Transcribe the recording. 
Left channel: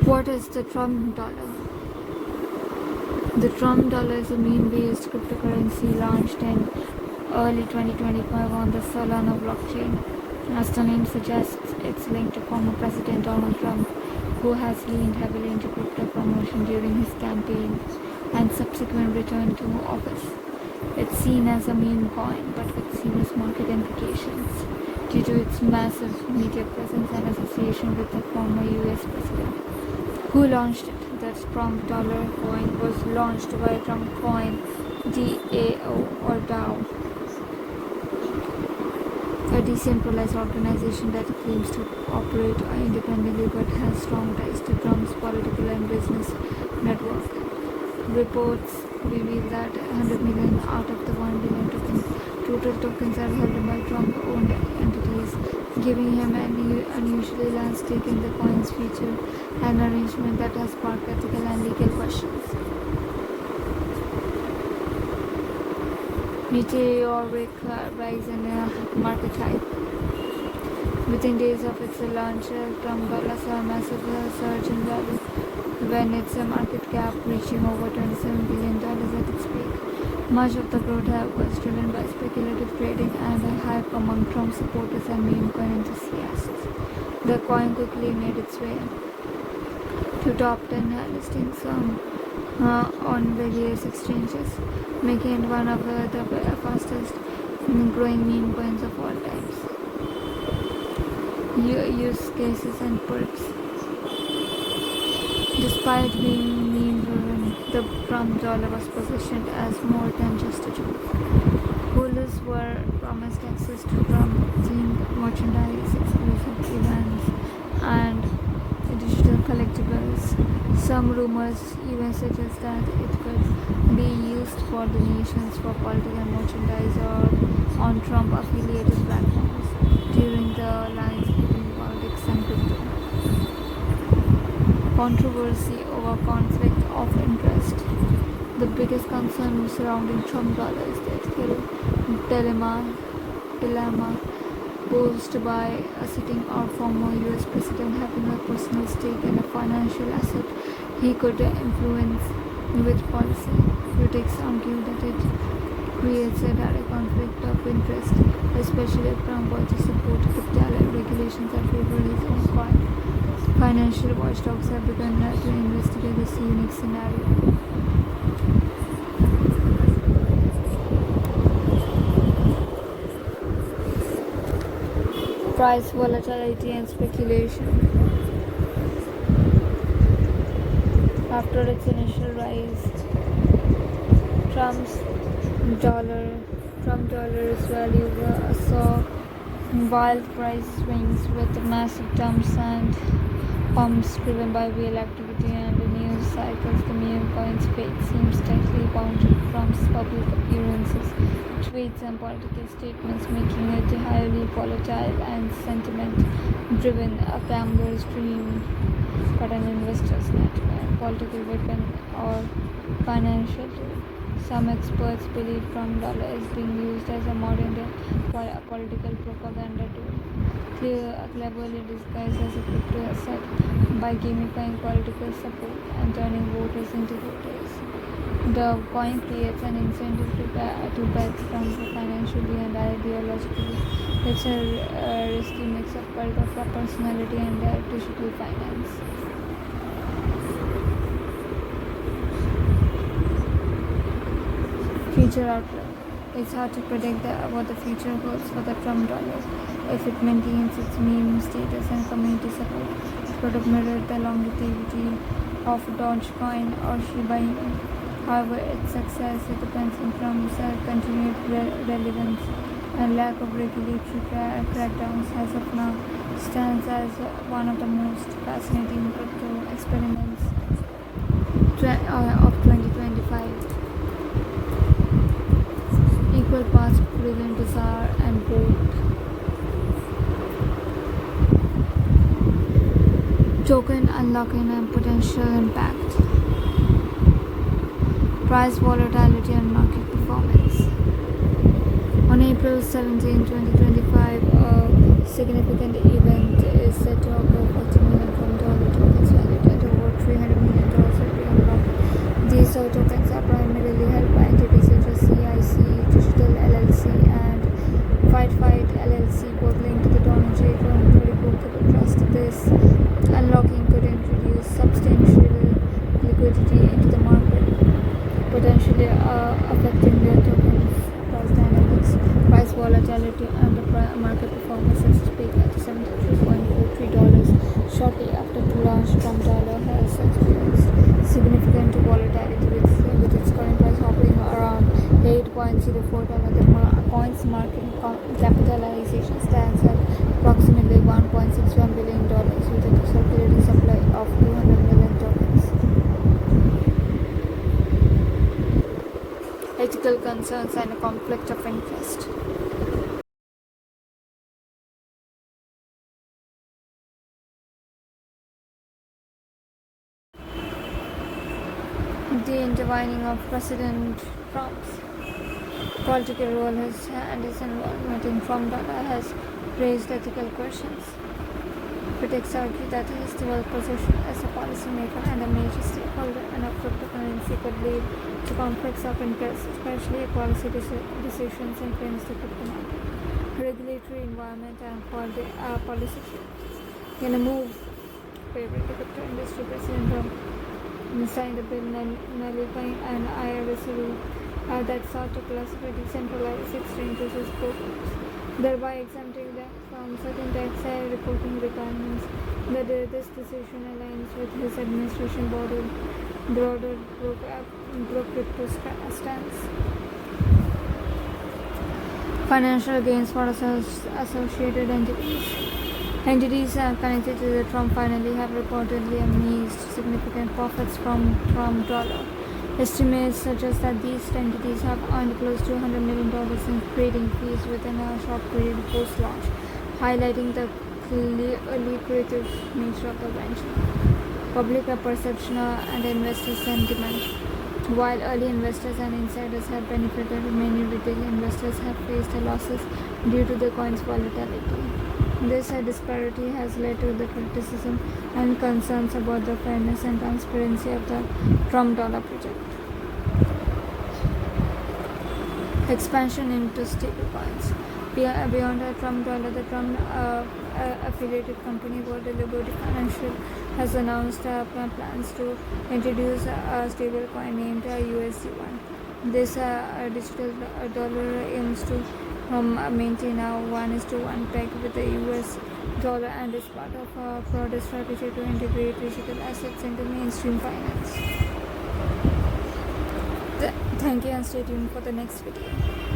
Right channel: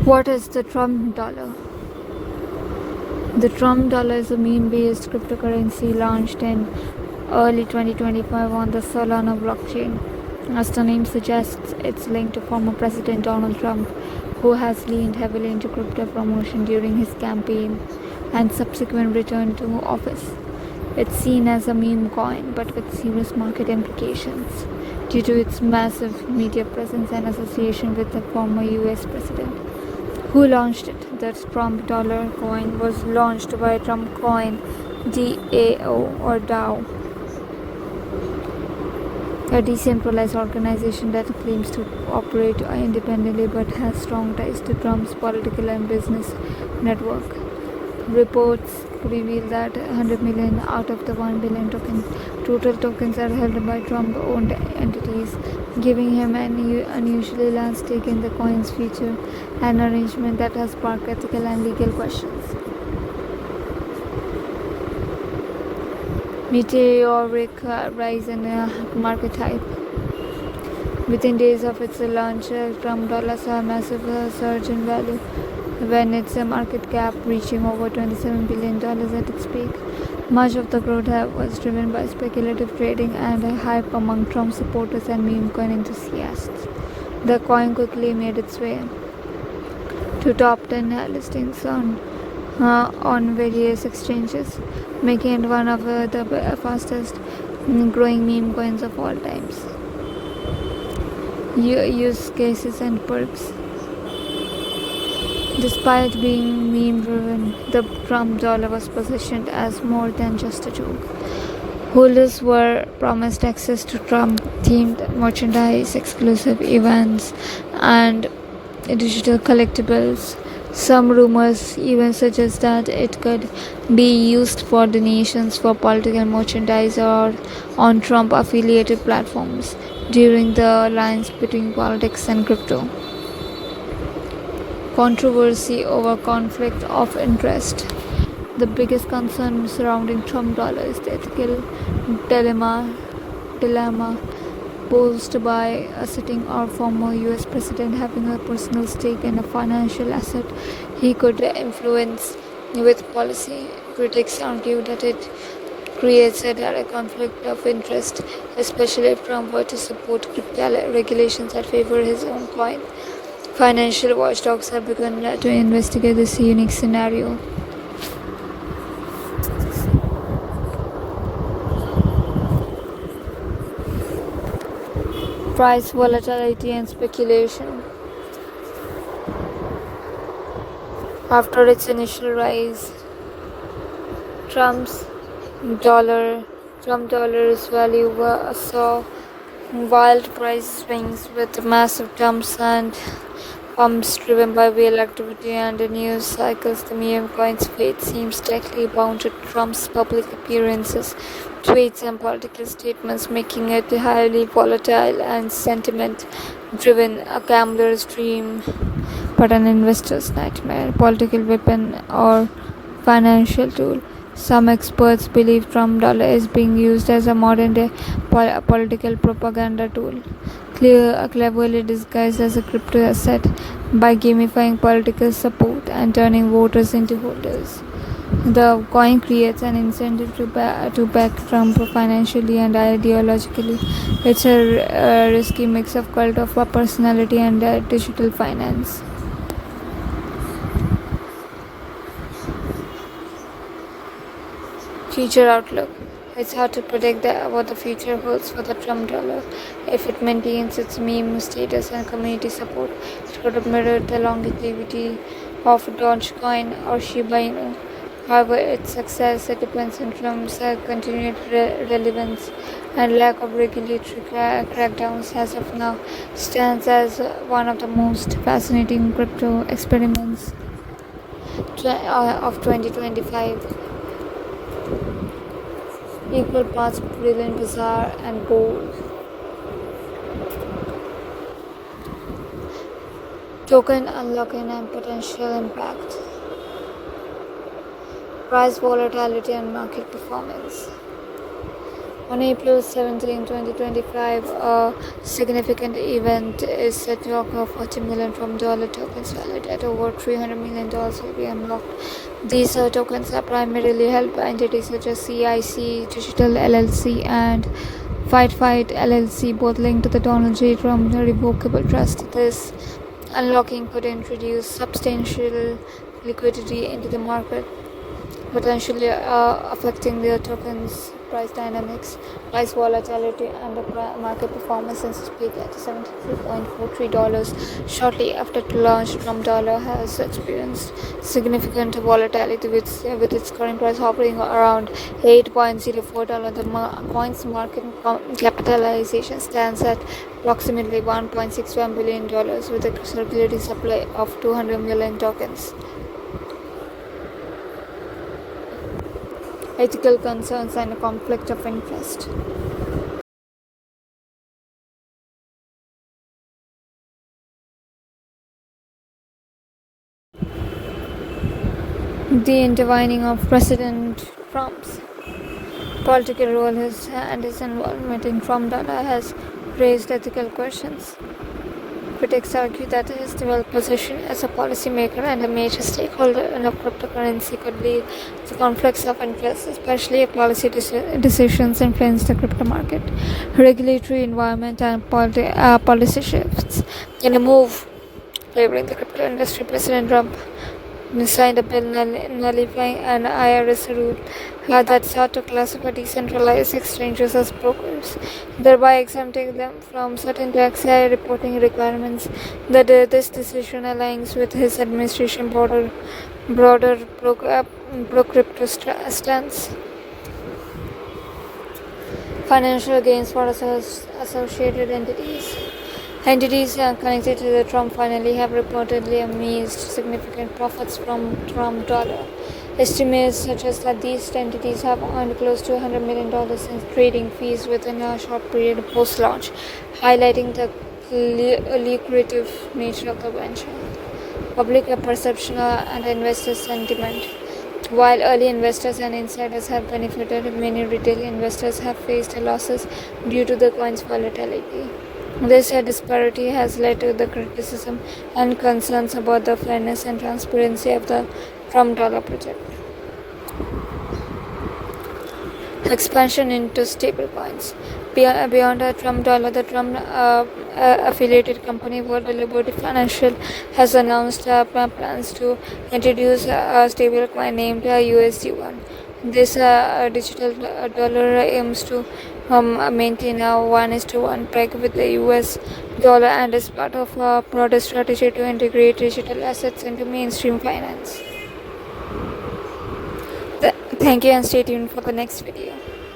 What is the Trump dollar? The Trump dollar is a meme-based cryptocurrency launched in early 2025 on the Solana blockchain. As the name suggests, it's linked to former President Donald Trump, who has leaned heavily into crypto promotion during his campaign and subsequent return to office. It's seen as a meme coin, but with serious market implications due to its massive media presence and association with the former US president. Who launched it? The Trump dollar coin was launched by Trump Coin DAO, a decentralized organization that claims to operate independently but has strong ties to Trump's political and business network. Reports reveal that 100 million out of the 1 billion total tokens are held by Trump-owned entities, giving him an unusually large stake in the coin's future, an arrangement that has sparked ethical and legal questions. Meteoric rise in market hype. Within days of its launch, Trump dollar saw a massive surge in value, when its market cap reaching over $27 billion at its peak. Much of the growth was driven by speculative trading and hype among Trump supporters and meme coin enthusiasts. The coin quickly made its way to top 10 listings on various exchanges, making it one of the fastest growing meme coins of all times. Use cases and perks. Despite being meme-driven, the Trump dollar was positioned as more than just a tool. Holders were promised access to Trump-themed merchandise, exclusive events, and digital collectibles. Some rumors even suggest that it could be used for donations for political merchandise or on Trump-affiliated platforms during the lines between politics and crypto. Controversy over conflict of interest. The biggest concern surrounding Trump dollar is the ethical dilemma posed by a sitting or former US president having a personal stake in a financial asset he could influence with policy. Critics argue that it creates a direct conflict of interest, especially if Trump were to support crypto regulations that favor his own coin. Financial watchdogs have begun to investigate this unique scenario. Price volatility and speculation. After its initial rise, Trump's dollar's value saw wild price swings with massive dumps and pumps driven by whale activity and news cycles. The meme coin's fate seems tightly bound to Trump's public appearances, tweets, and political statements, making it highly volatile and sentiment-driven, a gambler's dream, but an investor's nightmare, political weapon, or financial tool. Some experts believe Trump dollar is being used as a modern-day political propaganda tool, cleverly disguised as a crypto asset by gamifying political support and turning voters into holders. The coin creates an incentive to back Trump financially and ideologically. It's a risky mix of cult of personality and digital finance. Future outlook. It's hard to predict what the future holds for the Trump dollar. If it maintains its meme status and community support, it could mirror the longevity of Dogecoin or Shiba Inu. However, its success depends on Trump's continued relevance and lack of regulatory crackdowns. As of now, stands as one of the most fascinating crypto experiments of 2025. Equal parts brilliant, bizarre, and bold. Token unlocking and potential impact. Price volatility and market performance. On April 17, 2025, a significant event is set to occur. 40 million from dollar tokens valued at over $300 million will be unlocked. These tokens are primarily held by entities such as CIC Digital LLC and Fight LLC, both linked to the Donald J. Trump Revocable Trust. This unlocking could introduce substantial liquidity into the market, potentially affecting their tokens' price dynamics, price volatility, and the market performance. Since its peak at $73.43 shortly after the launch, Trump dollar has experienced significant volatility, with its current price hovering around $8.04. The coin's market capitalization stands at approximately $1.61 billion, with a circulating supply of 200 million tokens. Ethical concerns and a conflict of interest. The intertwining of President Trump's political role and his involvement in Trump dollar has raised ethical questions. Critics argue that his dual position as a policymaker and a major stakeholder in a cryptocurrency could lead to conflicts of interest, especially if policy decisions influence the crypto market, regulatory environment, and policy shifts. In a move favoring the crypto industry, President Trump signed a bill nullifying an IRS rule that sought to classify decentralized exchanges as brokers, thereby exempting them from certain tax reporting requirements. This decision aligns with his administration's broader pro-crypto stance. Financial gains for associated entities. Entities connected to the Trump family have reportedly amassed significant profits from Trump dollar. Estimates suggest that these entities have earned close to $100 million in trading fees within a short period post-launch, highlighting the lucrative nature of the venture. Public perception and investor sentiment. While early investors and insiders have benefited, many retail investors have faced losses due to the coin's volatility. This disparity has led to the criticism and concerns about the fairness and transparency of the Trump dollar project. Expansion into stablecoins. Beyond the Trump dollar, the Trump affiliated company World Liberty Financial has announced plans to introduce a stablecoin named USD1. This digital dollar aims to maintain a 1:1 peg with the US dollar and is part of a broader strategy to integrate digital assets into mainstream finance. Thank you and stay tuned for the next video.